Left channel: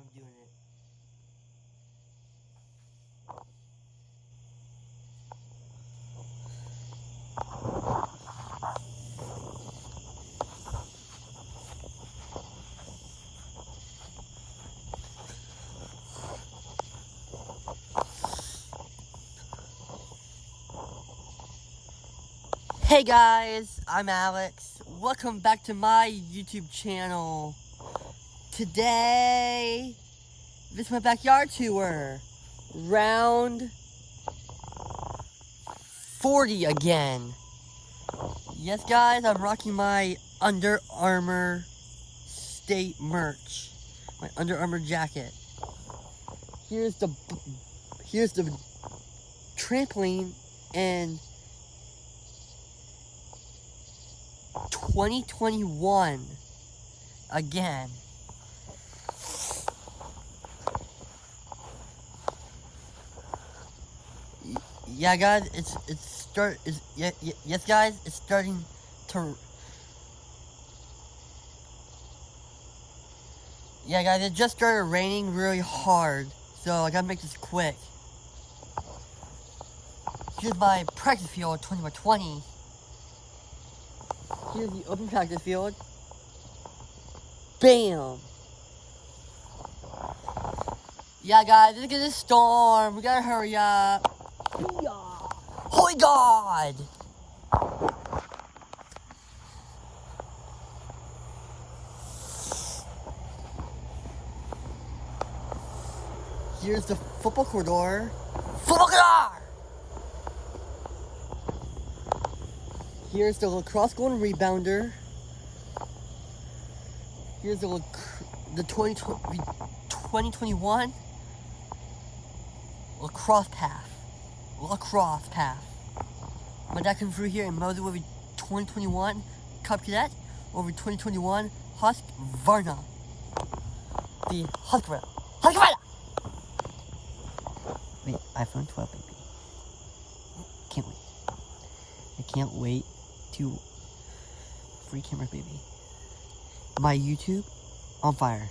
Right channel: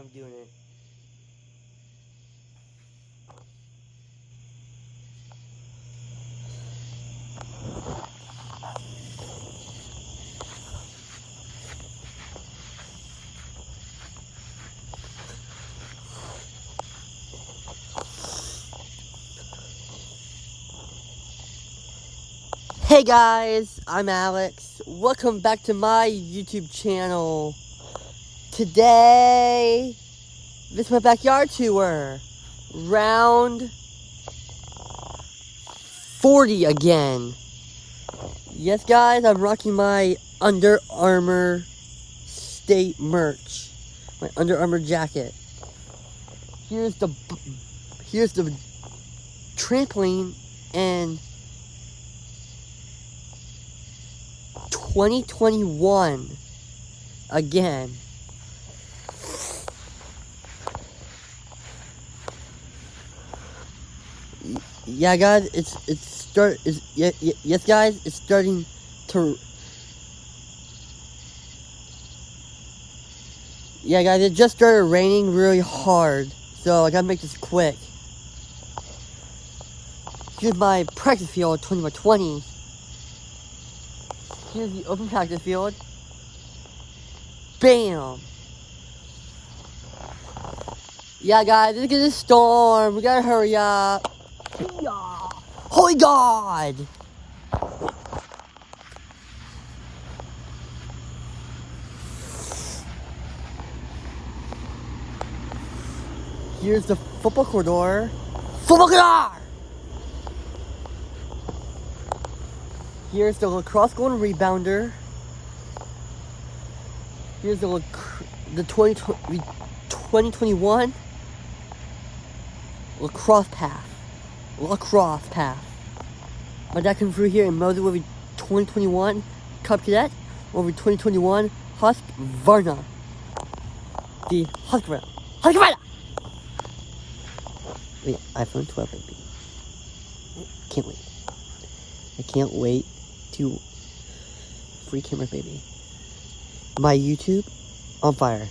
I'm doing it. Hey guys, I'm Alex. Welcome back to my YouTube channel. Today, this is my backyard tour. Round 40 again. Yes guys, I'm rocking my Under Armour State merch. My Under Armour jacket. Here's the trampoline and 2021 again. Yeah guys, yes guys, it's starting to. Yeah guys, it just started raining really hard, so I gotta make this quick. Here's my practice field 20x20. Here's the open practice field. Bam! Yeah guys, look at this storm. We gotta hurry up. Holy God! Here's the football corridor. Football corridor! Here's the lacrosse goal and rebounder. Here's the 2021 lacrosse path. My dad came through here and Moses will be 2021 Cub Cadet, will be 2021 Husqvarna. The Husqvarna. Wait, iPhone 12, baby. Can't wait. I can't wait to free camera, baby. My YouTube on fire.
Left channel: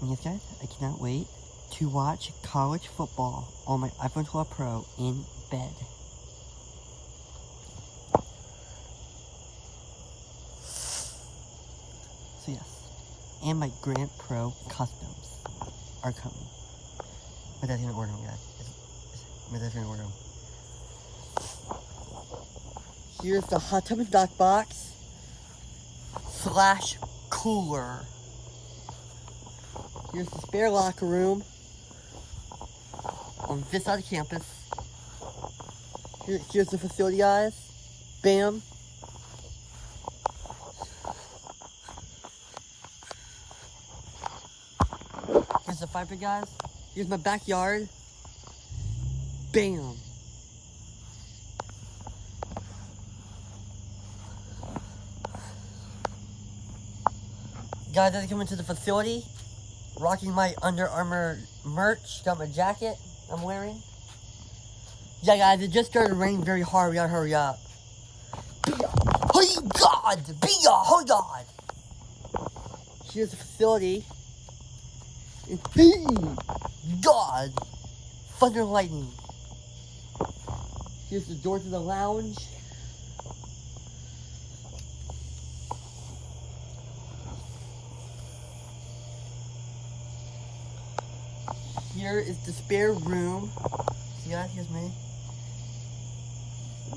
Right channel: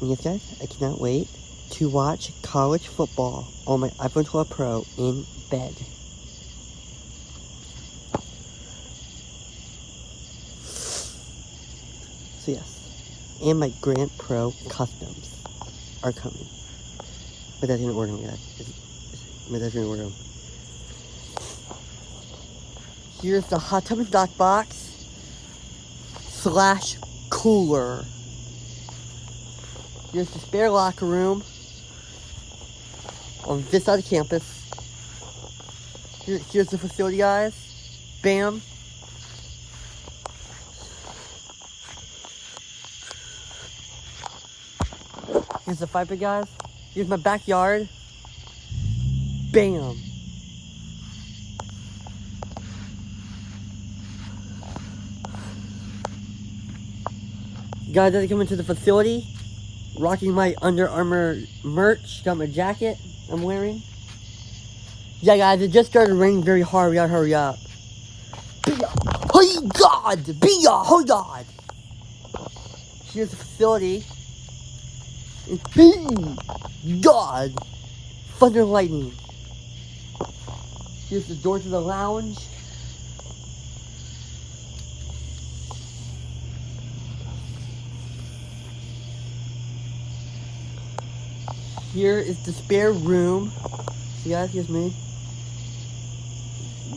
And yes, guys, I cannot wait to watch college football on my iPhone 12 Pro in bed. So yes, and my Grand Pro customs are coming. But that's gonna order them, guys. But that's gonna order them. Here's the hot tub and dock box / cooler. Here's the spare locker room on this side of campus. Here's the facility, guys. Bam. Here's the fire pit, guys. Here's my backyard. Bam. Guys, as I come into the facility, rocking my Under Armour merch. Got my jacket I'm wearing. Yeah, guys, it just started raining very hard. We gotta hurry up. Oh God! Oh God! Here's the facility. God! Thunder and lightning. Here's the door to the lounge. Here is the spare room. See guys, here's me.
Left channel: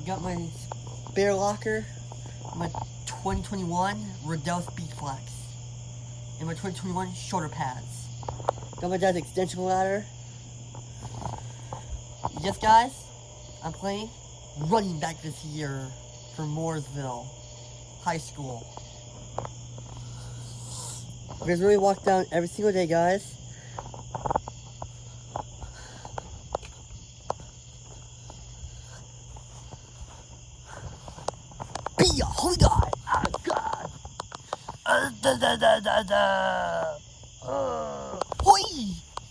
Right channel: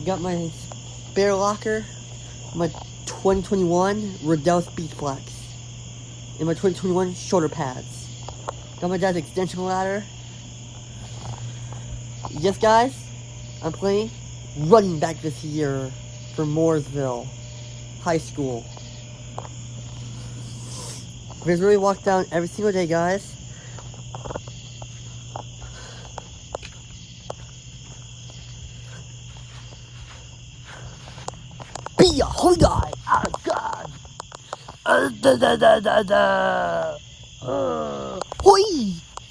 Got my spare locker, my 2021 Riddell Speed Flex, and my 2021 shoulder pads. Got my dad's extension ladder. Yes guys, I'm playing running back this year for Mooresville High School. There's really walk down every single day, guys. Oh God! Oh God! Hoi!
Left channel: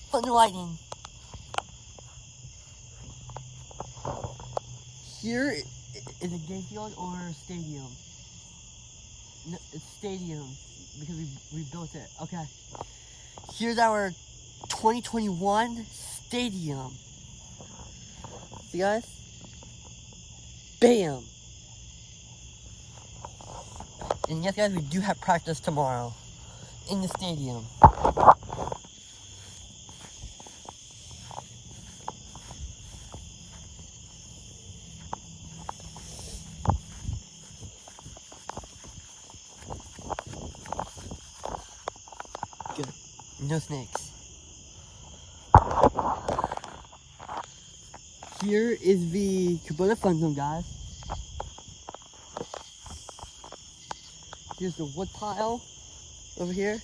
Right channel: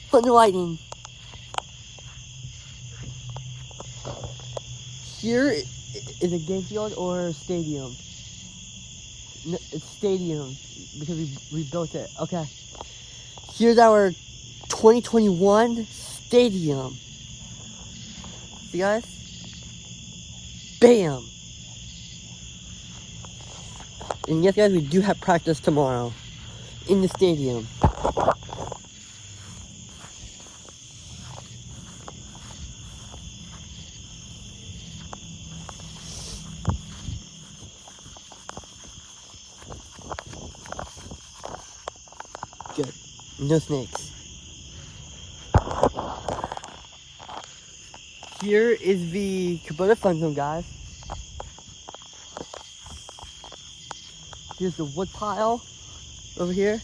Thunder lightning. Here is a game field or stadium. No, it's stadium. because we built it. Okay. Here's our 2021 stadium. See guys? Bam! And yes guys, we do have practice tomorrow in the stadium. Good. No snakes. Here is the Kubota Fun Zone, guys. Here's the wood pile over here.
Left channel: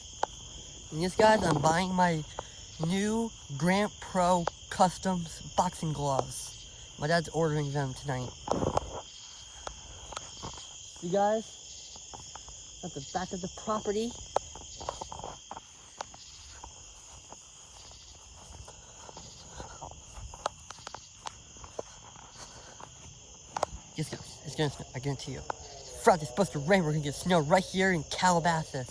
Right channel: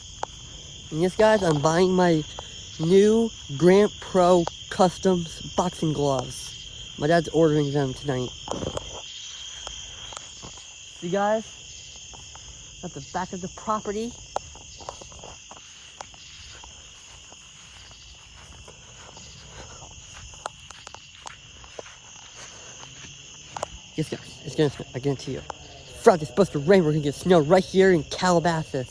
And yes, guys, I'm buying my new Grant Pro Customs boxing gloves. My dad's ordering them tonight. See, guys? At the back of the property. Yes, guys, it's gonna snow, I guarantee you. Friday's supposed to rain, we're gonna get snow right here in Calabasas.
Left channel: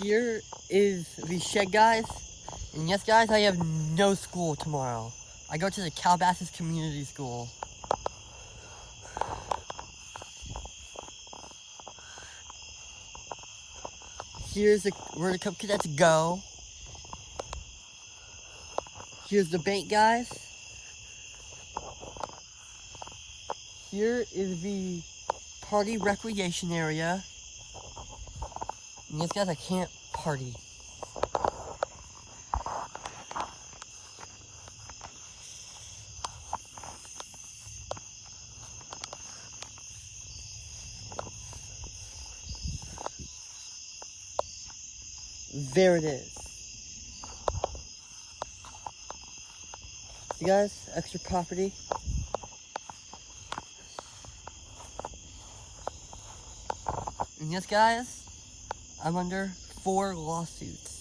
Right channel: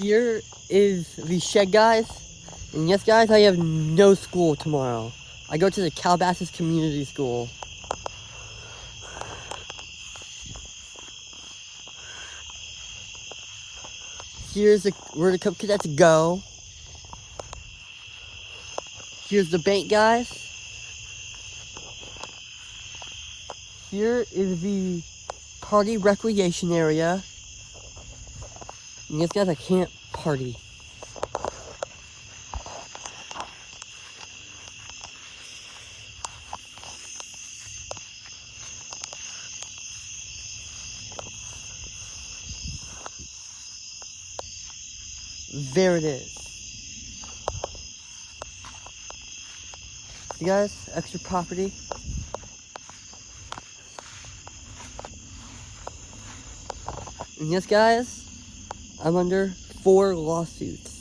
Here is the shed, guys. And yes, guys, I have no school tomorrow. I go to the Calabasas Community School. Here's where the Cub Cadets go. Here's the bank, guys. Here is the party recreation area. And yes, guys, I can't party. There it is. See guys, extra property. And yes guys, I'm under 4 lawsuits.